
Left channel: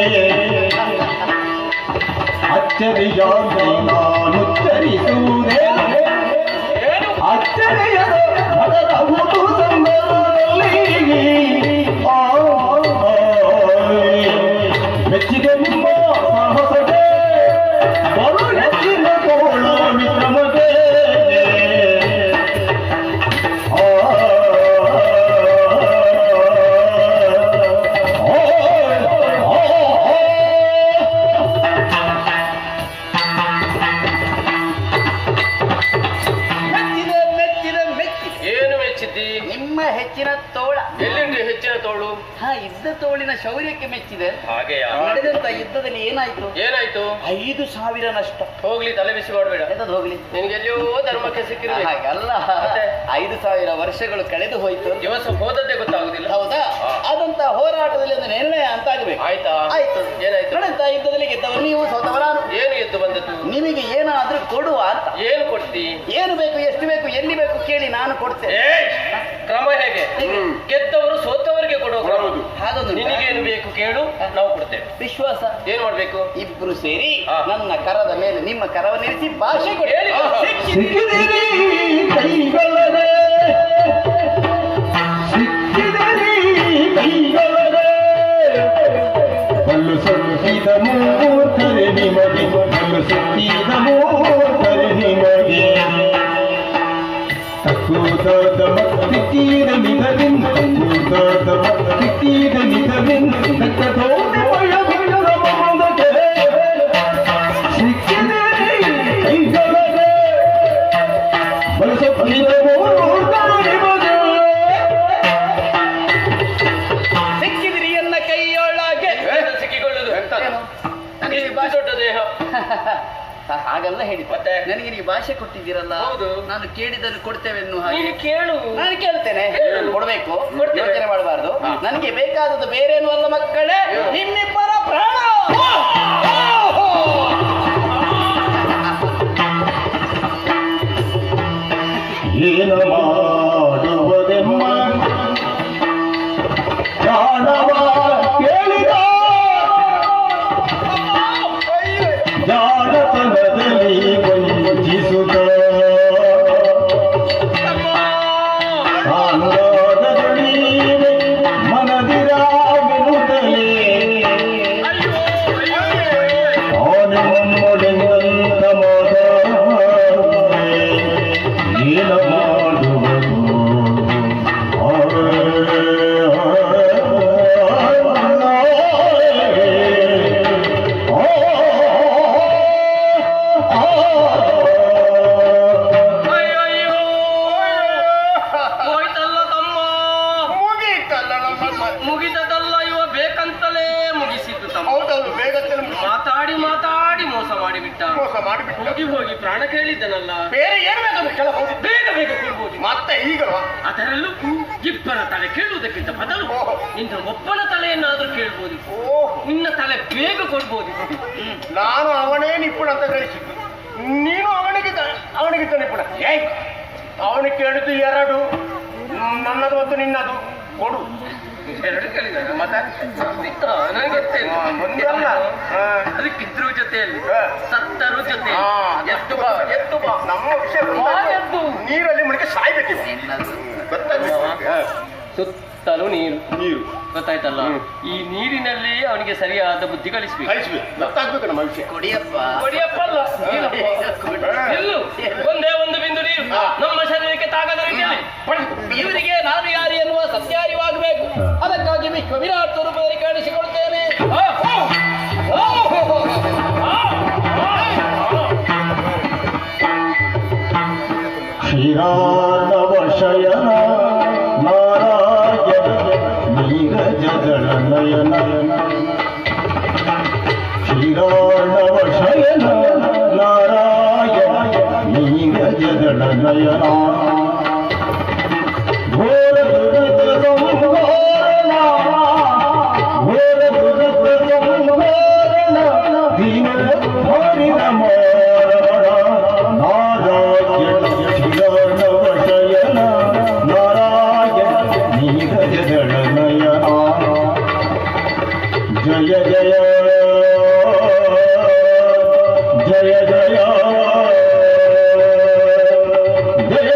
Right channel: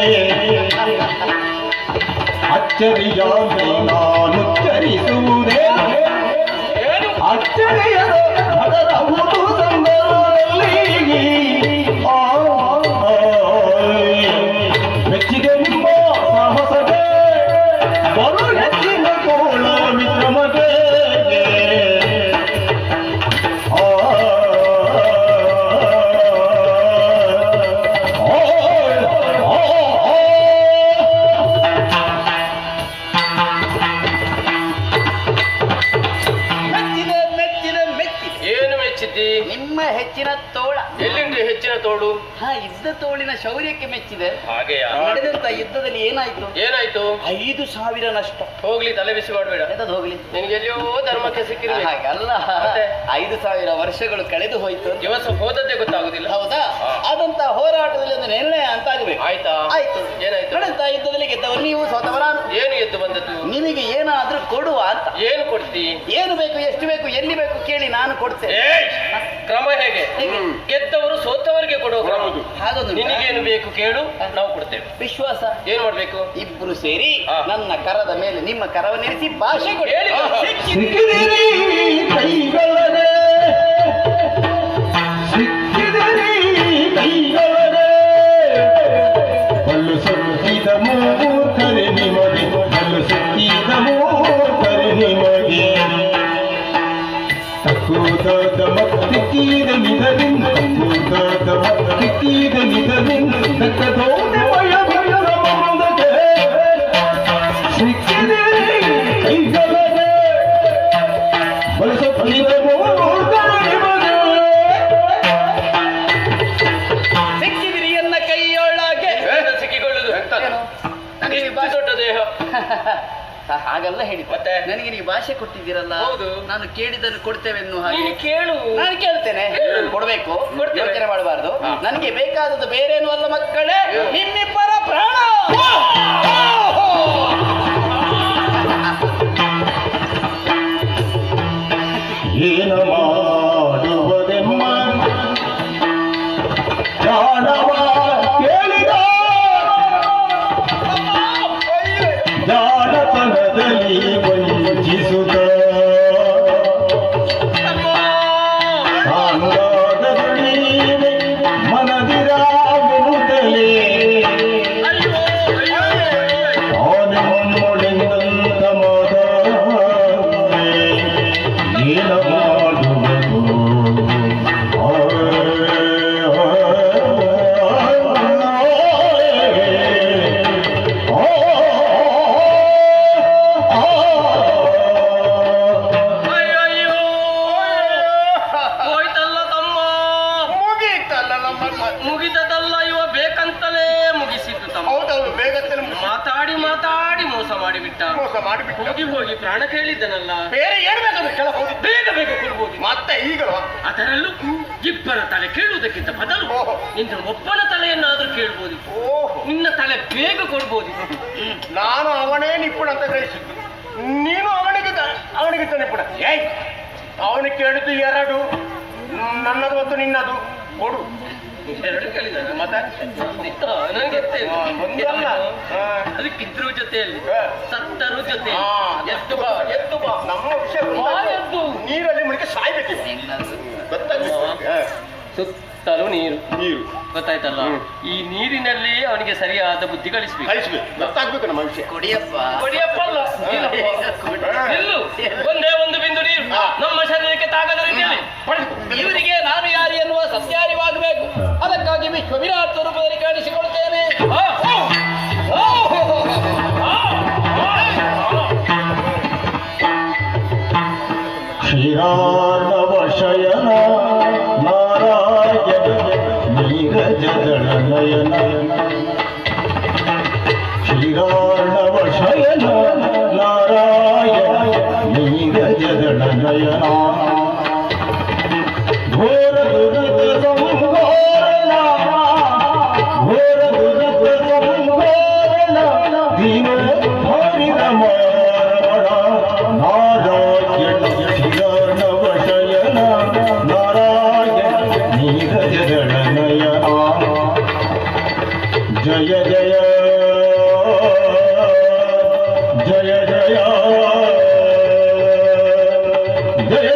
ಅಚ್ಚರಿಯಾಗಿ ನಾನುಚ್ಚರಿಸುವುದೇ ಅಚ್ಚರಿಯದ ಮನದ ಹುಟ್ಟು ಸಂದರ್ಭದಲ್ಲಿ ಮೆಚ್ಚಿದೆ ನಿಮ್ಮ ಸಾಹಸಕ್ಕೆ ಬಲು ಹೆಚ್ಚಿನ ತೋಳ ವಿಕ್ರಮಗೆ ಮೆಚ್ಚಿದೆ ಮೆಚ್ಚಿದೆ ಮೆಚ್ಚಿದೆ. ಏನು ಮೆಚ್ಚಿದ್ದಿ? ನಿಮ್ಮ ಹೆಚ್ಚಿನ ತೋಳ. ಎಲ್ಲಿಂದ ಹೆಚ್ಚಿನ ತೋಳು? ಇದ್ದ ತೋಳಿನ ಶೌರ್ಯಕ್ಕೆ ಮೆಚ್ಚಿದೆ. ಹಾಗೆಯಾ? ನಡೆದಂತ ಯುದ್ಧದಲ್ಲಿ ಏನಾಯ್ತು? ಏನಾಯ್ತು? 5,000 ನಷ್ಟ. ಹೋಗ್ಲಿ, ತಲೆ ಬಿಸಿ ಮಾಡಬೇಡ. ಎಂತದ್ದು ಹೋಗ್ಲಿ? ನಿನಗೆ ಎಲ್ಲಿಯೋ ಧರ್ಮಕ್ಕೆ ಸಿಕ್ಕಿರಲಿ. ಹಾಗಲ್ಲ, ಮತ್ತೆ? 5,000 ವರ್ಷಗಳು ಕಳೆದು ಹೋಯ್ತು. ದಿವಸ ಹೋದದ್ದೇ ಗೊತ್ತಾಗುದಿಲ್ಲ. ಹೌದಾ? ಆದಂತ ಹೋರಾಟದಲ್ಲಿ ಒಂದು ನಿರ್ಣಯ ಅಂತ ಆಗಬೇಕು. ಆಯ್ತಾ? ಆಯ್ತು. ಏನಾಯ್ತು? ನಡೆದಂತ ಯುದ್ಧದಲ್ಲಿ ಗೆದ್ದವರು ನೀವು, ಸೋತವರ ನಾನು. ಏನು ಎದ್ದು ಬಂದದ್ದು? ನಿಮಗೆ ಏನಾದ್ರೂ ಕೊಡುವ ಅಂತ. ಏನು ಕೊಡ್ತಿ? ಏನು ಬೇಕು, ಎಷ್ಟು ಬೇಕು, ಎಲ್ಲಿ ಬೇಕು ಕೇಳಿ ನಾನು ಕೊಡ್ತೇನೆ. ಏಯ್! ಕ್ರಮ ಹೇಗೆ? ಹೇಗೆ? ಗೆದ್ದವರು ಸೋತವರಿಗೆ ಕೊಡುವ ಕ್ರಮ. ಹಾಗೊಂದು ನಿನಗೇನು ಬೇಕು ಕೇಳು, ನಾವು ಕೊಡ್ತೇವೆ. ವಿಶ್ವಾಸ. ಏನ್ ಮಾಡ್ಬೇಕು? ಇಬ್ರು ಸೇರಿ ಹಾ. ನನ್ನ ಕರದ ಮೇಲೆ ನಿಮ್ಮ ಕರವನ್ನಿರಿಸಿ ಭಾಷೆ ಕೊಡಿ. ಹೇಳಿ. ಸಿಕ್ಕಿದಿರಿ ಕೈಗಳೇ ಸಿಕ್ಕಿದಿರಿ ಕೈಗಳೇ ಕಲ್ಲು ಸುತ್ತಿದ ಮೂರ್ತರೆ ನಿಮಗೆ ಕಲ್ಲು ಸುತ್ತಿದ ಮೂರ್ತರೆ ನಿಮಗೆ ತಕ್ಕೂದಾದ ಮತ್ತಿಕ್ಕಿದ ನಿಧದಿಂದ ತಕ್ಕೂದಾದ ಮತ್ತಿಕ್ಕಿದ ನಿಧದಿಂದ ತಕ್ಕದೋಡ ವಯಗಳ ಮೋದಕ್ಕೆ ಸಿಕ್ಕಿದಿರಿ ಕೈಗಳೇ ಸಿಕ್ಕಿದಿರಿ ಎನ್ನ ಕೈಯೊಳಗೆ. ಸಿಕ್ಕಿಕೊಳ್ಳುದು ಏನು? ನನಗೆ ದೊಡ್ಡ ದೇಹ. ಹಾಗಲ್ಲ ಹೇಳಿ. ಮತ್ತೆ? ನನಗೆ ನೀವು ಭಾಷೆ ಕೊಟ್ಟಿದ್ದೀರಲ್ಲ, ಹೌದು. ನಾನು ಕೇಳಿದಲ್ಲಿ ಕೊಡ್ತೇವೆ ಎನ್ನುವ ಹಾಗೆ. ನೀನು ಕೇಳು. ನಾನು ಕೇಳ್ತೇನೆ, ಕೊಡ್ಬೇಕು, ಕೊಡ್ತೇವೆ. ಯೋಚನೆ ಮಾಡಬಾರ್ದು. ನನಗೆ ಬೇಕಾದದ್ದು ಬೇರೇನು ಅಲ್ಲ ಮಕ್ಕಳೇ, ನಿಮ್ಮಿಬ್ಬರ ಪ್ರಾಣ. ಏನು ಮಾಡುವುದೆಮ್ಮ ಜಾಣವ ಕೇಳಿದ ಜಾಣತನದಲ್ಲಿ ವಂಚಿಸುತ್ತ ಅಂಗಾದ ದುಡಿಮೆ ಮನದಿರಾಗಿರುತ್ತಲೇ ಆನೆಮ್ಮೊಡೆಂದಂತ ಮಾತ ಏನು ಮಾಡುವುದು ಅಯ್ಯಯ್ಯೋ! ಹೋಯ್ತಲ್ಲ ತಮ್ಮ. ಮುಗೀತಲ್ಲ ನಮ್ಮ. ಮುಗಿದದಲ್ಲ, ಇವ ಬೇಕಂತಲೇ ಮುಗಿಸಿದ್ದು ತಮ್ಮ. ಹೌದೌದು, ಬೇಗತ್ತಲ್ಲಿ ಮಾತಾಡಿ ಮಾತಾಡಿ ಮೋಸ ಮಾಡಿಬಿಟ್ಟ. ಮೋಸ ಮಾಡಿಬಿಟ್ಟು ಹೋಗಿ ಹೋಗಿ ಪ್ರಾಣ ಕೇಳಿದ್ದನಲ್ಲ. ಬೇರೆ ಏನು ಬೇಕಾದ್ರೆ ಕೆಳ ಹೋಗಿ ಬೇಗ ಬೇಗ ಕೊಡ್ಬೋದು. ಮತ್ತೆ ಈಗಲ್ವಾ? ಅದರಲ್ಲೂ ಇಬ್ಬರ ತಲೆ ಕೇಳುವುದಕ್ಕಿಂತ ಬದಲು ಓಹೋ. ನಿನ್ನ ಒಬ್ಬನ ತಲೆಯನ್ನಾದ್ರೂ ಕೇಳ್ಬೋದು. ಓಹ್, ನಿನ್ನ ತಲೆ ಬೇಗ ಕೊಡ್ಬೋದು. ನಾನು ಅವನೇ ನಿಪ್ಪುಣ ಅಂತ ಗ್ರಹಿಸಿದ್ದು, ನೀನು ಅವನಿಗೆ ನಿಪ್ಪುಣ. ಏಯ್, ಅವನು ಕೇಳಿದ್ದು 2, ನನ್ನದು ಮತ್ತು ನಿನ್ನದು. ಕೊಡು. ಎರಡು ಕೇಳಿದ ಮತ್ತೆ ನನಗೆ ಗೊತ್ತಿಲ್ಲ. ಒಂದಲ್ಲ. ಹಾ. ಅದಕ್ಕಿದ್ರು ಜೊತೆಯಲ್ಲಿ ಹಾ. ಸತ್ತರು ಜೊತೆ. ಹಾ. ಎದ್ದು ಬಾ, ಎದ್ದು ಬಾ. ನಮ್ಮ ವಿಷಯ ಎದ್ದು. ನೀರಲ್ಲಿ ಮುಳುಗಿ ಸಾಯ್ಬೇಕಿಲ್ಲ. ಗೊತ್ತಾಗ್ತದೆ. ಸುತ್ತಲೂ ನೀರು ನೀರು ಗೊತ್ತಾಯ್ತಲ್ಲ. ಈ ನೀರಿನಲ್ಲಿ ಅವನಿಗೆ ಸರಿಯಾದ ಬುದ್ಧಿ ಕಲಿಸ್ಬೇಕು. ಕಳಿಸ್ಬೇಕು, ಗೊತ್ತಾಗ್ಬೇಕು ನಮ್ಮ ವಿಷಯ. ಕೊಡಿಯಪ್ಪ. ಕೊಡಿಯಪ್ಪ ಅಲ್ಲ, ನೀನಪ್ಪ. ನಿಲ್ಲು. ಒಂದೇ ಒಂದು ಬಿಂದು ನೀರು ನಮ್ಮ ಶರೀರಕ್ಕೆ ತಾಗದ ರೀತಿಯಲ್ಲಿ ಇವರಿಗೆ ನಾನು ಯಾರು ಎನ್ನುವ ಸತ್ಯಾರಿವಾಗಬೇಕು. ಅದಕ್ಕಾಗಿ ವಿಶ್ವ ವಿರಾಟ್ ರೂಪದಲ್ಲಿ ಕಾಣಿಸಿಕೊಳ್ತೇನೆ. ಶ್ರೀರಾಣವ ಶಯನ ನಾರಾಯಣ ನೀರಜಗಳ ನಯನ ಶ್ರೀರಾಣವ ಶಯನ ನಾರಾಯಣ ನೀರಜಗಳ ನಯನ ಘೋರ ದುರಿತ ಸಂಹಾರಣ ಘೋರ ದುರಿತ ಸಂಹಾರಣ ದೀನೋದ್ಧಾರಿ ರಮಾರಮಣ ನಾರಾಯಣ ಶ್ರೀರಾಣವ ಶಯನ ನಾರಾಯಣ ನೀರಜಗಳ ನಯನ ಜಯ ಜಯ ಜಯ ಜಯ ಜಯ ಜಯ ಜಯ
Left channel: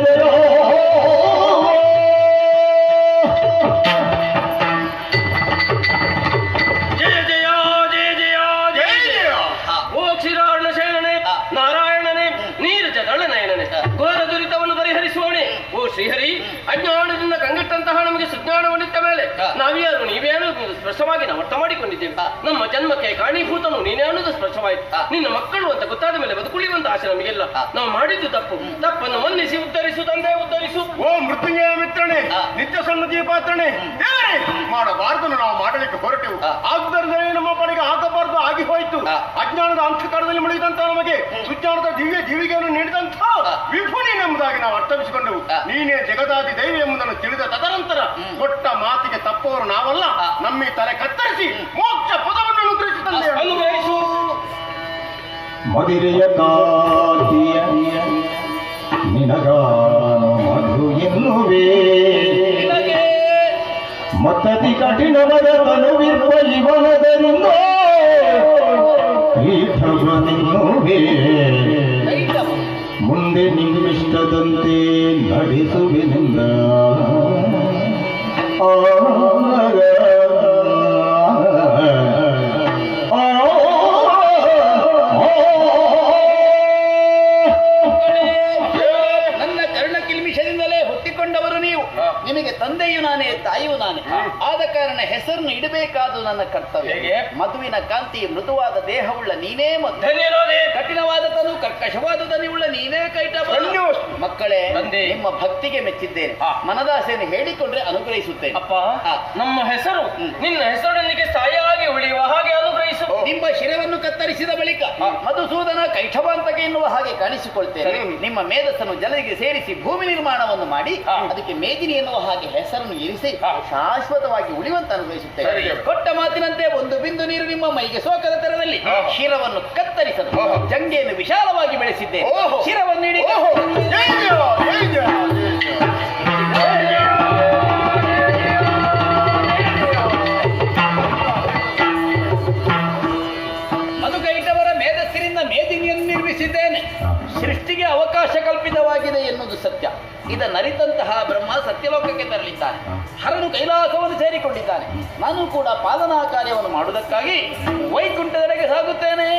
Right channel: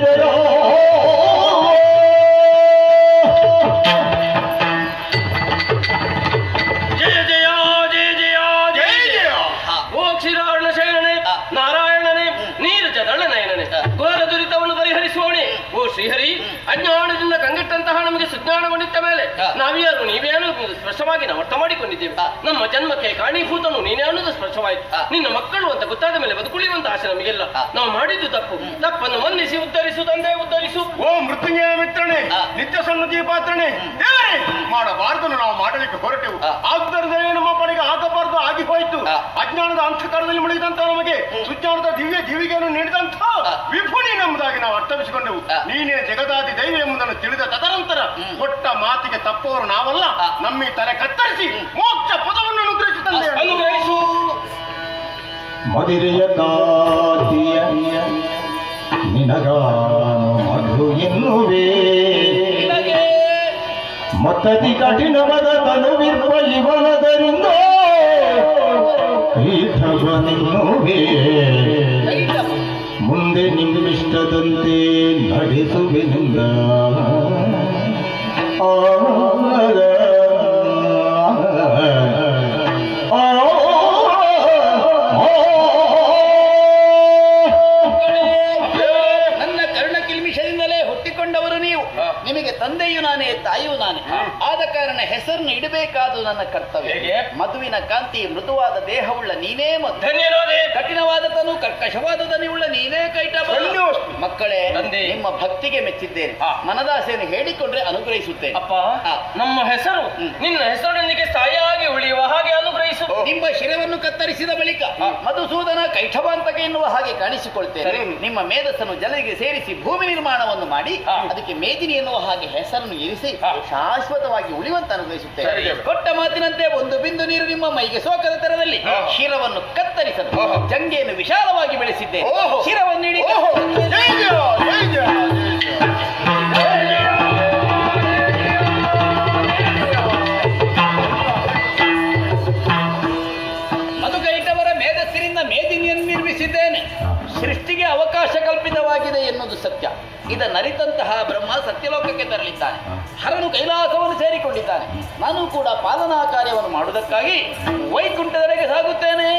ಜಯ ಜಯ ಜಯ ಜಯ ಜಯ. ಓ ಕ್ಷೀರಾರ್ಣ ಶಯನನೇ, ನಾರಾಯಣನೇ, ನೀರಜದಳ ನಯನನೇ, ಘೋರ ದುರಿತವನ್ನು ಪರಿಹರಿಸುವವನೇ, ಓ ಶ್ರೀಹರಿ, ಅಜ್ಞಾನದಿಂದ ಕಂಗೆಟ್ಟಂತಹ ನಮಗೆ ಸುಜ್ಞಾನಗೊಂಡಿದ್ದ ಮೇಲೆ ನಾವ್ಯಾರು ನೀವೇನು ಸ್ಪಷ್ಟವಾಗಿ ನಾವು ಅರ್ಥ ಮಾಡಿಕೊಂಡಿದ್ದೇವೆ. ನಮ್ಮ ಜನ್ಮಕ್ಕೆ ಕಾರಣೀಭೂತನು ನೀನೇ ಅನ್ನೋದು ಸ್ಪಷ್ಟವಾಯಿತು. ನಿನ್ನ ಮಕ್ಕಳು ಅಂತ ಗೊತ್ತಾದ ಮೇಲೆ ಬದುಕುಳಿಯುವಂತ ಆಸೆ ನಮಗೆಲ್ಲ. ನಾವು ಮಾಡಿದ್ದು ತಪ್ಪನ್ನು ಮನ್ನಿಸಿ ಉದ್ಧರಿಸು ತಂದೆ, ಉದ್ಧರಿಸು. ಓ ಮೃತ್ಯುಂಜಯ ಮಿತ್ರನೇ, ನಿತ್ಯ ಸನ್ನತಿ ಪಾತ್ರನೇ, ಮಾಡಬಾರದು ನಾವು ಮಾಡಲಿಕ್ಕೆ ಹೊರಟೆವು. ಆದ್ದರಿಂದ ನಮ್ಮ ಪಡೆಗೆ ಆಗಬಾರದು ಆಗಿ ಹೋಯಿತು. ಅಜ್ಞಾನದ ಅಂಶಕಾರದಲ್ಲಿ ಮುಳುಗಿದಂತ ನಮಗೆ ಸುಜ್ಞಾನದ ದಿವ್ಯ ಜೀವಿಗೆಯನ್ನು ನೀಡಿದಂತ ವಿಭುನಿ ನಮ್ಮದಾಗಿ ನಾವು ಅರ್ಥವಿಸಿಕೊಂಡೆವು. ನೀನೇ ಜಗದಾದಿ ದೈವ ಎಂಬುದನ್ನು ತಿಳಿದ ತದನಂತರ ಕೊಟ್ಟ ಮಾತಿಗೆ ತಪ್ಪವರು ನಾವಲ್ಲ. ನಮ್ಮ ತಲೆ ಕತ್ತರಿಸಿ ಮೋಕ್ಷ ಪದವನ್ನು ಅನುಗ್ರಹಿಸುತ್ತಂತೆ. ಅನುಗ್ರಹಿಸು. ಮದಿರೆಯ ಕಾತಿಯ ನಿನಗಾನು ಮಧು ಎನ್ನುವೆ ಮತತಿ ಕಠಿಣವದ ತನುವಿರುವ ಇವನದರಿಂದ ಪೀಠವನೆನ್ನುವೆ ಮುಂದೆ ನಿಮ್ಮಿಷ್ಟದಂತೆ ನಡೆಸುವೆನಿಂದ ನನ್ನ ಕರ್ಣ ಕಿಲ್ಮಿಷದಿಂದಲೇ ಹುಟ್ಟಿಕೊಂಡವರು ನೀವು. ನಿಮಗೆ ತಂದೆಯು ನಾನೇ, ತಾಯಿಯೂ ನಾನೇ. ಆದ ಕಾರಣ ಹೆಸರನ್ನು ಇಡಬೇಕಾದು ನನ್ನ ಕರ್ತವ್ಯ. ಮಧುವಿನ ಕಾಂತಿ, ಮೃದುವಾದ ದೇಹವುಳ್ಳ ನೀನೇ ಮಧು. ಧನ್ಯರೋಧೆ. ಕಠಿಣವಾದ ತನು, ಕರ್ಕಶವಾದ ದನಿಯುಳ್ಳ ನೀನೇ ಕೈಟ. ಮಕ್ಕಳೇ, ನಿಮ್ಮ ಭಕ್ತಿಗೆ ಮೆಚ್ಚಿದ್ದೇನೆ. ಮನದಾಸೆಯನ್ನು ಹೇಳಿಕೊಂಡ್ರೆ ಅನುಗ್ರಹಿಸುತ್ತೇನೆ. ಅಪ್ಪ, ನಮ್ಮ ಹೆಸರು ನಿನ್ನ ಹೆಸರಿನೊಂದಿಗೆ ಸ್ಥಾಯಿಯಾಗಿ ಉಳಿಯುವ ಹಾಗೆ ಅನುಗ್ರಹಿಸು. ನಿಮ್ಮ ಶಿರವನ್ನು ಕತ್ತರಿಸಿದ ಬಳಿಕ ಮಧುಸೂದನ ಕೈಠವಾಂತಕ ಎನ್ನುವ ಹಾಗೆ ಕಾಣಿಸಿಕೊಳ್ತೇನೆ. ನಿಮ್ಮ ಮೇಧಸ್ಸನ್ನು ಜಲರಿಗೆ ಸೇರಿಸಿ ಭೂಮಿ ನಿರ್ಮಾಣವನ್ನು ಮಾಡಿ ಅದಕ್ಕೆ ಮೇದಿನಿ ಎನ್ನುವ ಹಾಗೆ ಹೆಸರನ್ನು ಇರಿಸಿ ಶಾಶ್ವತವಾಗಿ ಉಳಿಯುವಂತ ಅನುಗ್ರಹಿಸುತ್ತೇನೆ. ಕೊಟ್ಟ ಮಾತಿನಂತೆ ಒಂದು ಬಿಂದು ನೀರು ನಿಮ್ಮ ಮೈಗೆ ಸೋಕದ ತರದಲ್ಲಿ ಶಿರವನ್ನು ಕತ್ತರಿಸಲು ಜಂಗೆಯನ್ನು ವಿಶಾಲವಾಗಿ ಬೆಳೆಸಿದ್ದೇನೆ. ಶಿರವನ್ನು ನೀಡಿ ಮಧುಕೈಟವರ ಮೇಧಸ್ಸಿನಿಂದ ಮೇದಿನಿಯನ್ನು ನಿರ್ಮಿಸಿದ್ದೇನೆ. ಸೃಷ್ಟಿಗೆ ಅವಕಾಶ ಕಲ್ಪಿತವಾಗಿದೆ ಎನ್ನುವುದು ಸತ್ಯ. ಇದನ್ನರಿತಂತಹ ಬ್ರಹ್ಮ ಸತ್ಯಲೋಕಕ್ಕೆ ತರಲಿದ್ದಾನೆ. ಹರನು ಕೈಲಾಸವನ್ನು ಸೇರಿಕೊಂಡಿದ್ದಾನೆ. ನಾನು ಕೂಡ ಪಾಲನಾ ಕಾರ್ಯವನ್ನು ಮಾಡುವುದಕ್ಕಾಗಿ ವೈಕುಂಠದೆಡೆಗೆ ಸಾಗುತ್ತೇನೆ.